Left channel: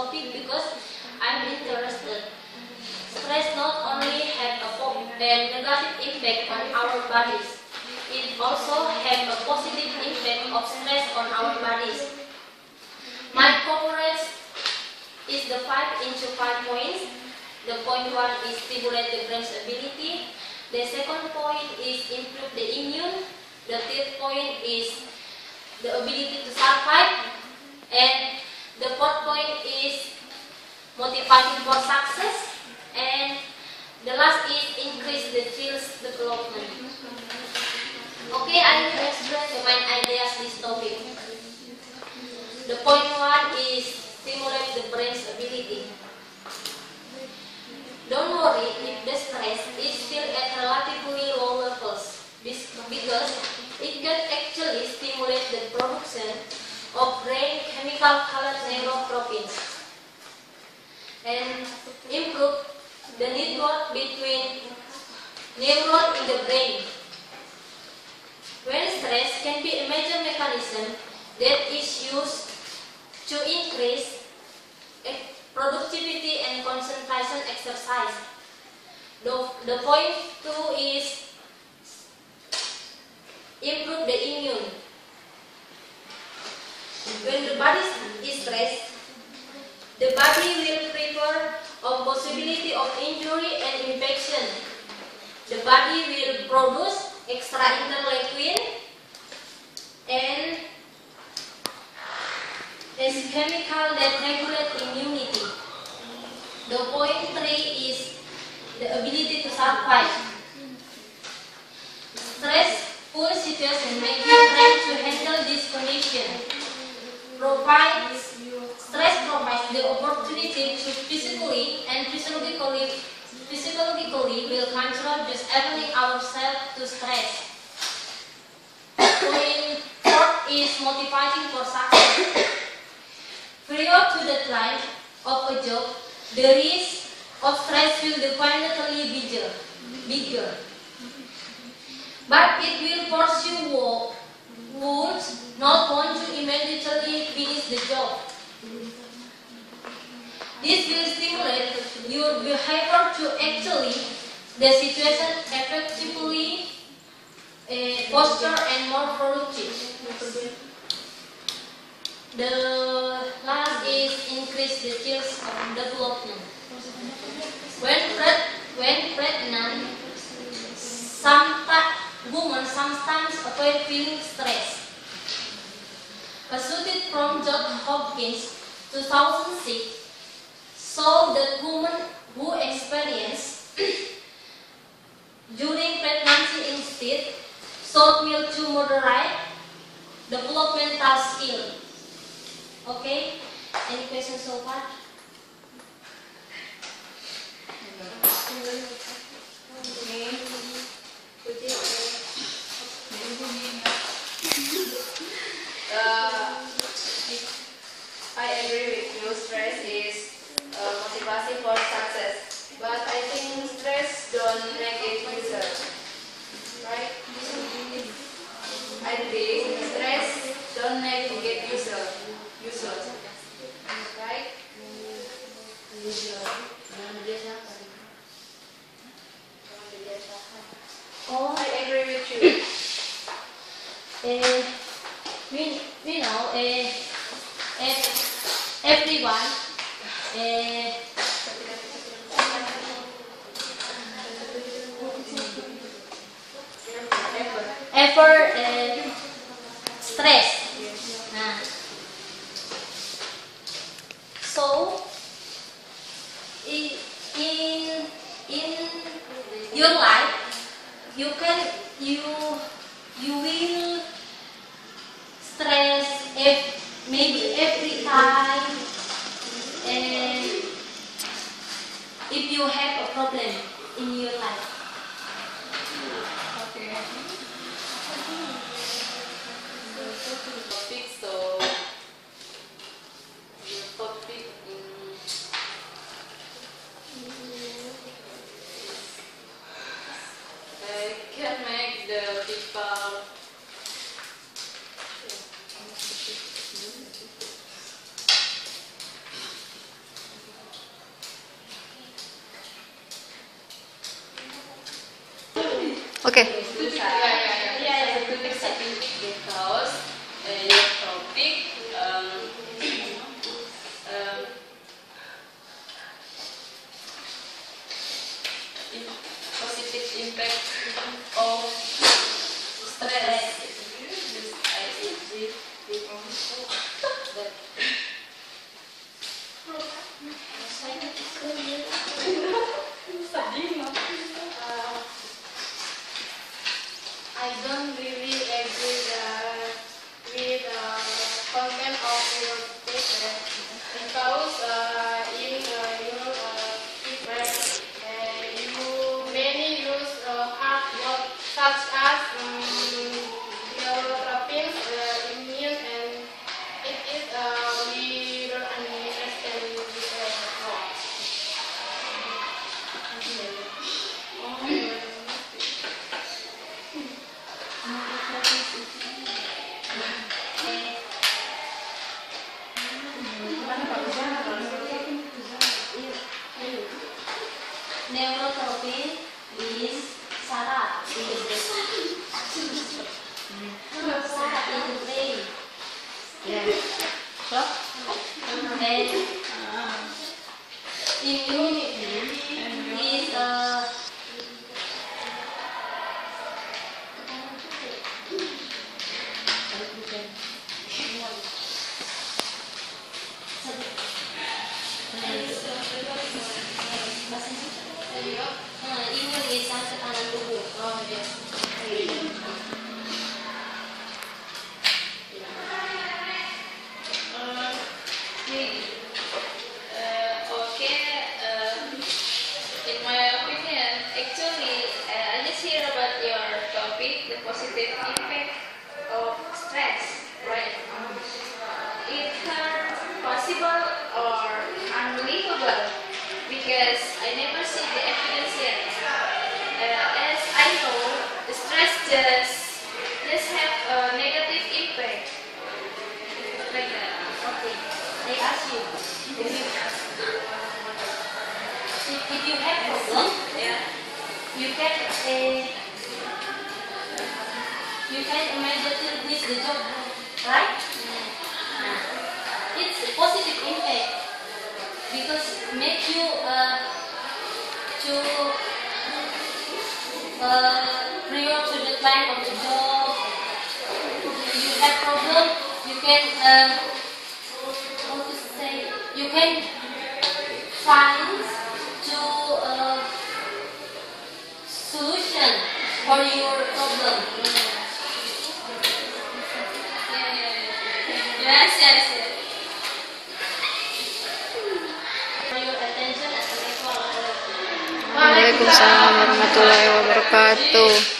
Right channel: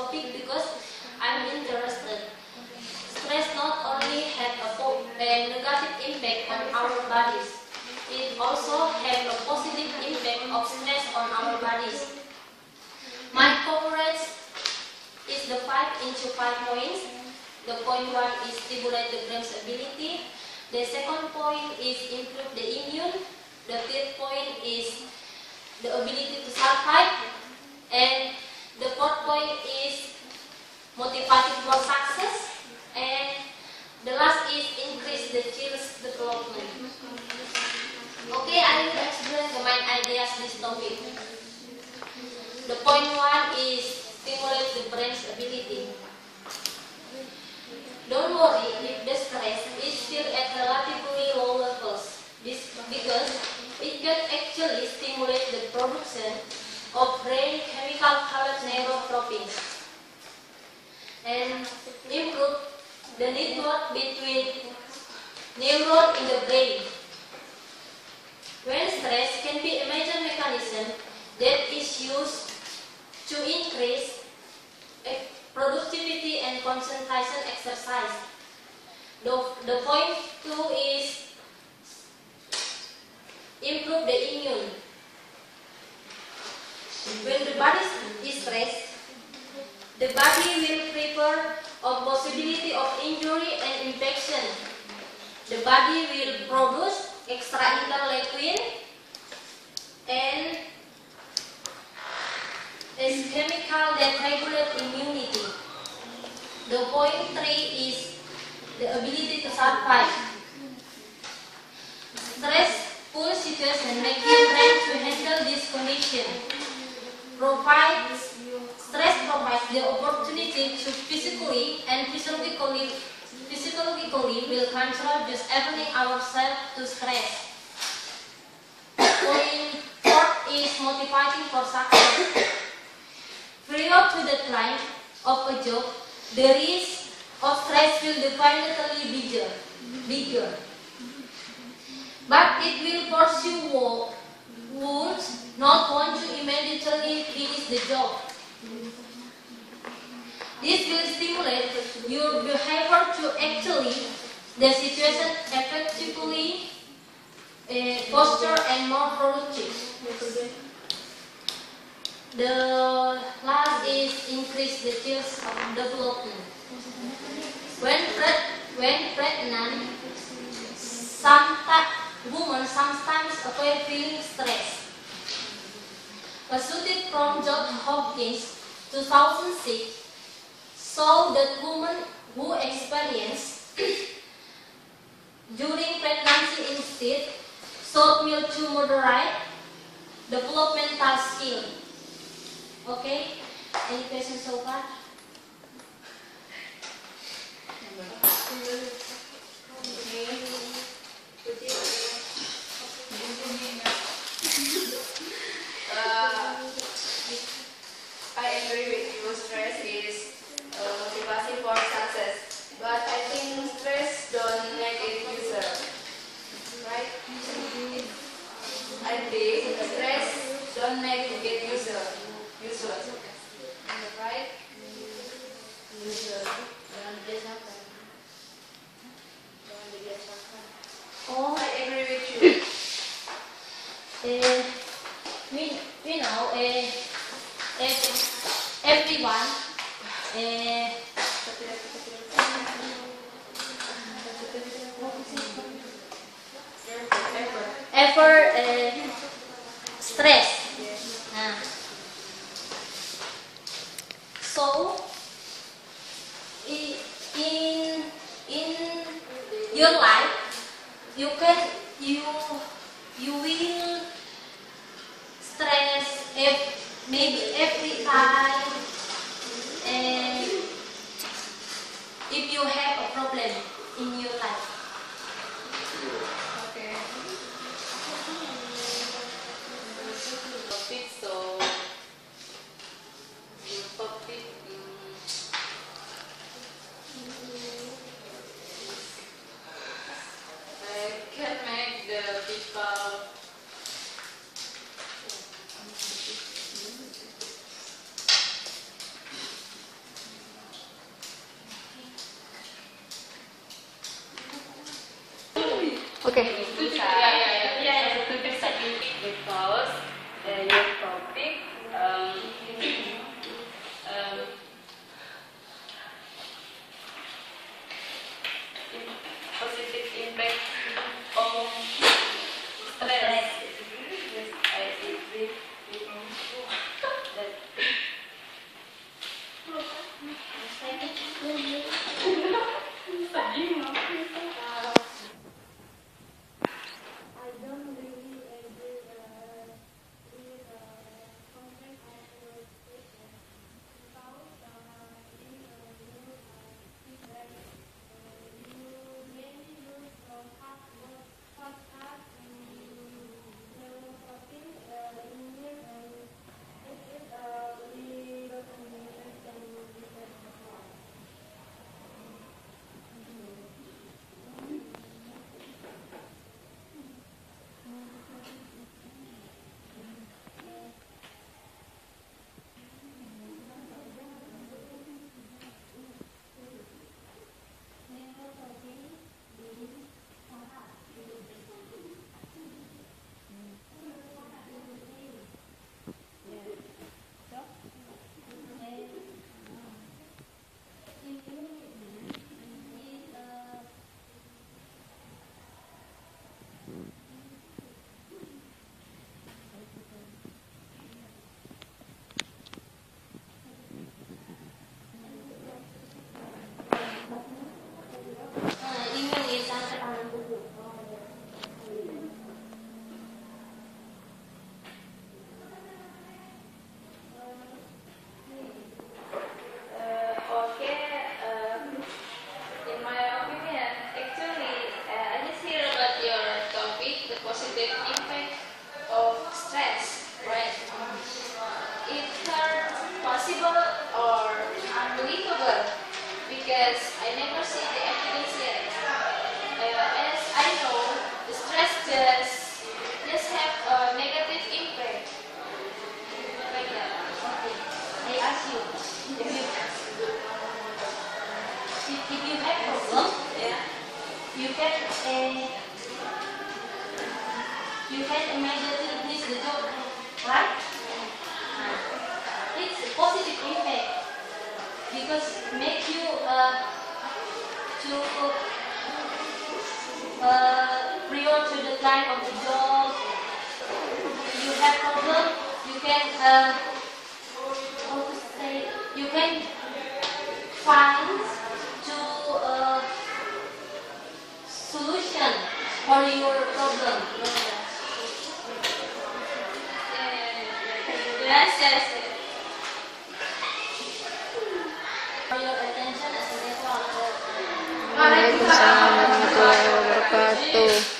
topic because I'm interested. Stress not only have a negative impact on our bodies, it also have a positive impact of stress on our bodies. My coverage is the 5 into 5 points. The point 1 is stimulate the brain's ability. The second point is improve the immune. The third point is the ability to survive. And the fourth point is motivating for success. And the last is increase the child's development. Okay, I will explain the main ideas this topic. The point 1 is stimulate the brain's ability. Don't worry if the stress is still at relatively low levels, because it can actually stimulate the production of brain chemical called neurotrophins and improve the network between neurons in the brain. When stress can be a major mechanism that is used to increase productivity and concentration exercise. The point 2 is improve the immune. When the body is stressed, the body will prepare a possibility of injury and infection. The body will produce extra interleukin and is chemical that regulate immunity. The point 3 is the ability to survive. Stressful situation make you train to handle this condition. Stress provides the opportunity to physically and psychologically will control just abandoning ourselves to stress. Point 4 is motivating for success. Prior to the deadline of a job, the risk of stress will definitely bigger. But it will force you would not want to immediately finish the job. This will stimulate your behavior to actually the situation effectively faster and more productive. The last is increase the child's development. When pregnant, women sometimes avoid feeling stressed. A study from Johns Hopkins 2006 showed that women who experience during pregnancy instead showed mild to moderate developmental skill. Okay, any questions so far? I agree with you, stress is motivation for success, but I think stress don't make it user, right? I think stress don't make it get user, right? Oh, I agree with you. We know everyone ever stress. So in your life you will stress maybe every time, and if you have a problem in your life. Okay. Topic, so your topic can make the people stress, right? Either possible or unbelievable, because I never see the evidence yet. As I know, the stress just have a negative impact, like that. Okay. I ask you, if you have problem, Yeah. you can immediately quit the job, right? It's a positive impact because make you prior to the time of the job. If you have problem, you can how to say, you can find to solution for your problem. Yes, yes, yes. For your attention. Assalamualaikum. Waalaikumsalam warahmatullahi wabarakatuh.